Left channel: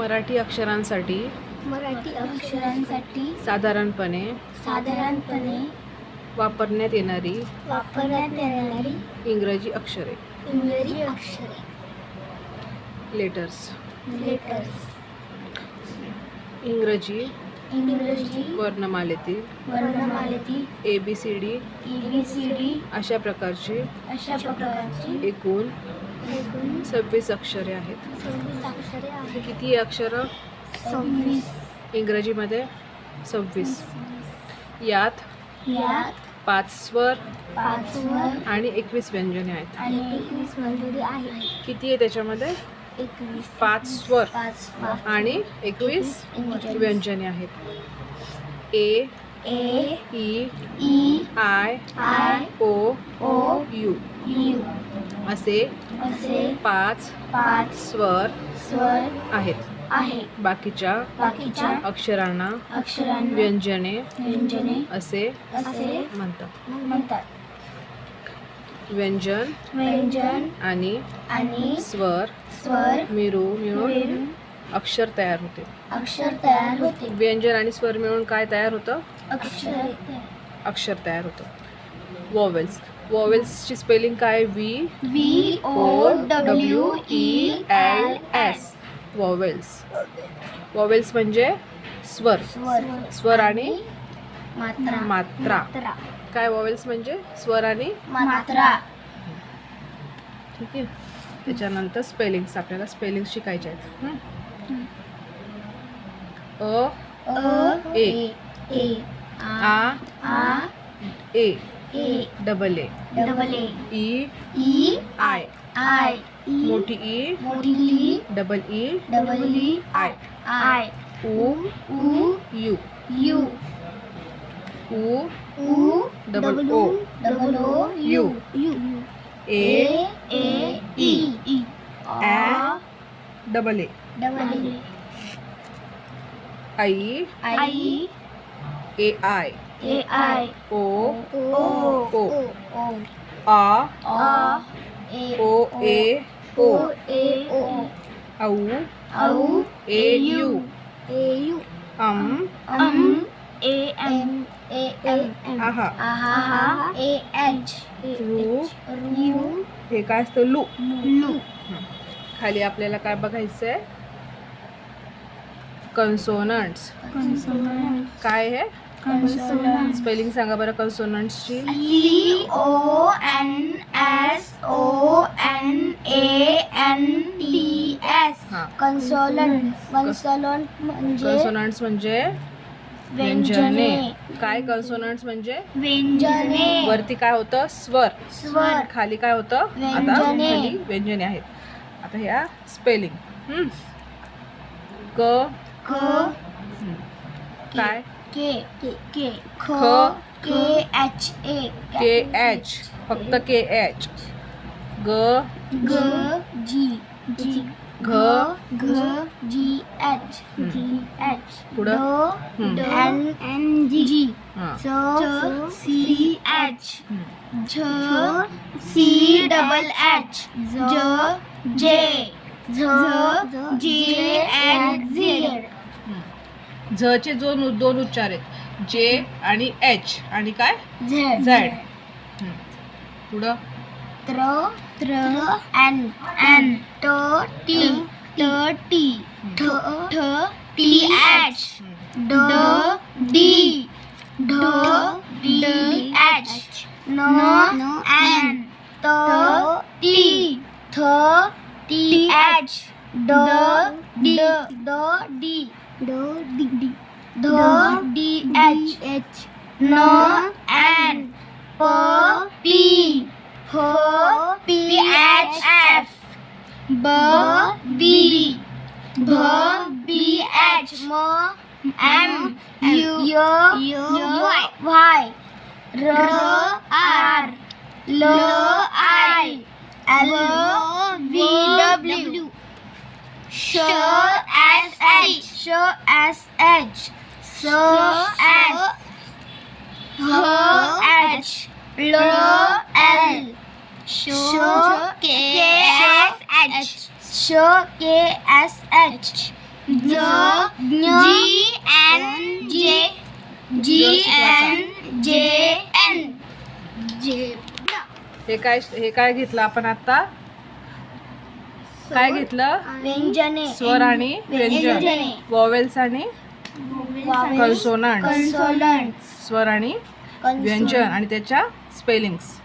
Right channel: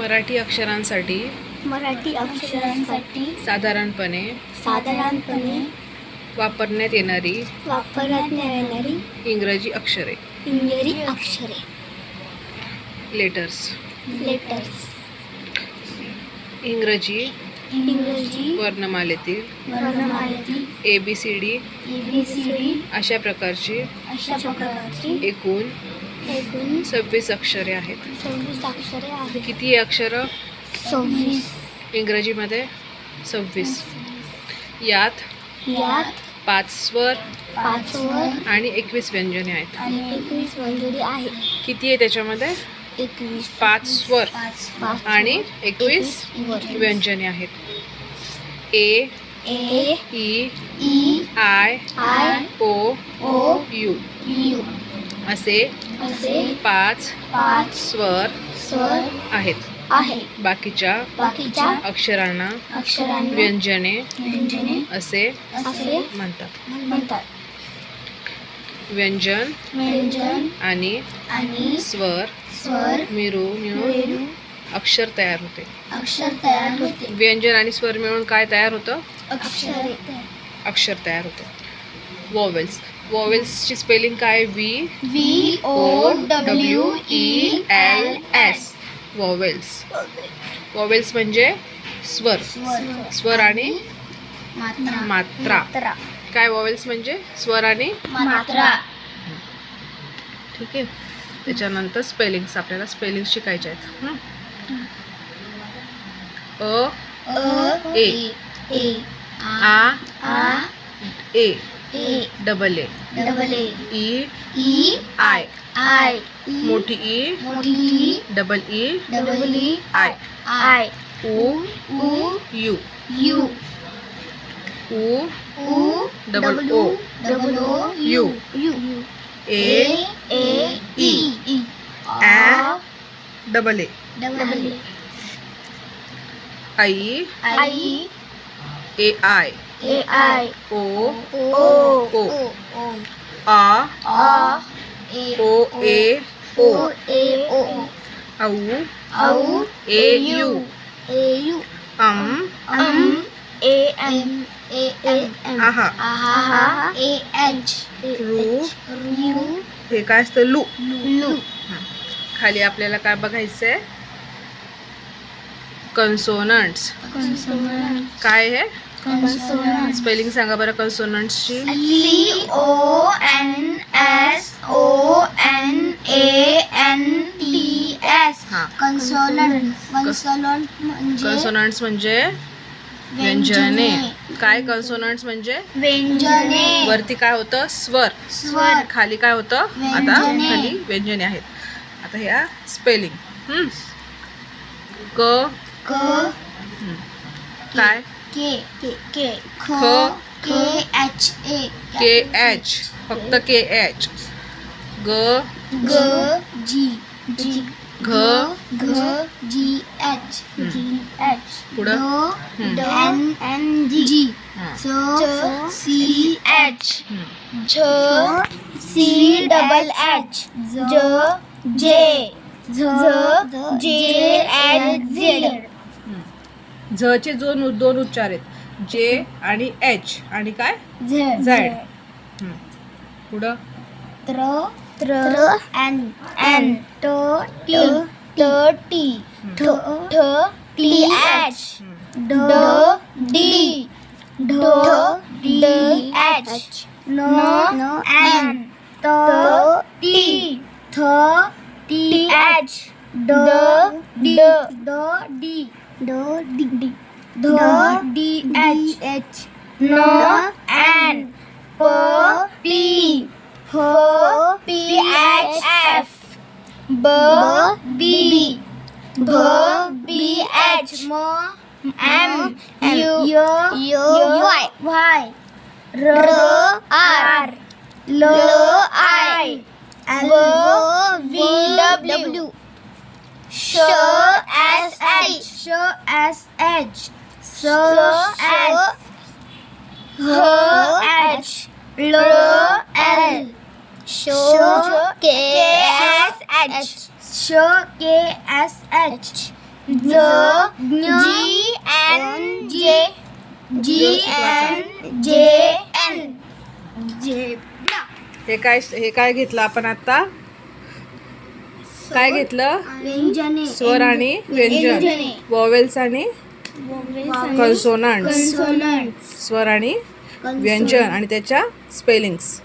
मराठी अक्षरांसाठी मराठी अक्षरांसाठी साधारणपणे साधारणपणे वापरण्यात येणारी वापरण्यात येणारी इंग्रजी अक्षरे. इंग्रजी अक्षरे. लेटर्स लेटर्स इंग्रजी इंग्रजी वर्णमालेतील वर्णमालेतील A B C D A B C D अशा प्रकारची अशा प्रकारची एकूण एकूण सव्वीस अक्षरे आहेत. सव्वीस अक्षरे आहेत. किती अक्षरं? सव्वीस. इंग्रजीमध्ये सव्वीस. यात यात पाच स्वर पाच वर आणि एकवीस व्यंजने आहेत. आणि एकवीस मंजुरी आहेत. किती आहे त्याच्यामध्ये? एकवीस. पाच स्वर पाच पाच आणि एकवीस. व्यंजने आहेत. A A E E I I O O U. U. असे असे पाच पाच स्वर स्वर आहेत. आहे बाकीच्या बाकीच्या अक्षरांना व्यंजने व्यंजने असे म्हणतात. म्हणतात. व्यंजन व्यंजन आणि आणि स्वर स्वर मिळून अक्षर तयार होते. अक्षर तयार होते. व्यंजन आणि स्वर मिळून काय तयार होतं? अक्षर अक्षर तयार होतं. वॉवेल्स वॉवेल्सची स्पेलिंग काय? V V O W E L S vowels vowels म्हणजे स्वर. स्वर. आणि मात्रा. काय वॉवेल्स म्हणजे? स्वर आणि मात्रा. ठीक आहे. त्याच्यानंतर स्पेलिंग्स आपल्याला स्पेलिंग शिकायचे आहेत? अ ए. ए. आ. आ. A. A double A double A E E I I मोठी ई मोठी E double E double E I I उ उ यू यू उ उ double O double O U U ए ए ई. ई आ डबल ए डबल ए आई आई A I A I O O O. A O A O. O A O. औ औ A you. A U. अम अम A M A M. आहा. आहा A H. रू you हे काय असतं? लू. लू. खाली आपल्याला काय बघायचं आहे कन्सोनंट्स कन्सोनंट काय आहे स्पेलिंग सांगा बरं कन्सोनंट्सची C O N S O N A N T S हां. कन्सोलंट कन्सोलंट म्हणजे कन्सोनंट्स म्हणजे व्यंजने. काय कन्सोनंट्स म्हणजे? व्यंजने. वरती काय होतं? स्वर. स्वर. खाली काय होतं? आता व्यंजने. खाली व्यंजने आहेत. आता ह्या स्पेलिंग. क. क. हं. काय? के के ख. के एच ए के एच फक्त के एच ग ग जी. जी. घ घ जी. एच. G H. पुढं? हं. N N G. हां. च सी एच. झ सी डबल एच. ज जे झ जे. झचे दोन दोन उच्चार आहेत जे आणि एच आणि काय? झेड झेड हं. पुढं? त्र त्र एन एन ट टी ट टी ठ ठ टी एच. ड डी ढ डी. एच न एन त टी थ टी एच ड. डी. ड D. Do D D Do D H. H. No N. Po P. Ho P H F. Bo B. Bo B H. Mo M U U Y. Ro R. Lo I. L V W. Show s h श s h स s ह h ल l श के S H श के S H ज G N जे G N जे N जे हे काय हे काय घेतलं आपण आता काय घेतलं? स्वर आणि व्यंजन. वॉवेल्स आणि कन्सोनंट स्वर आणि व्यंजन आणि त्याच्या स्पेलिंग्स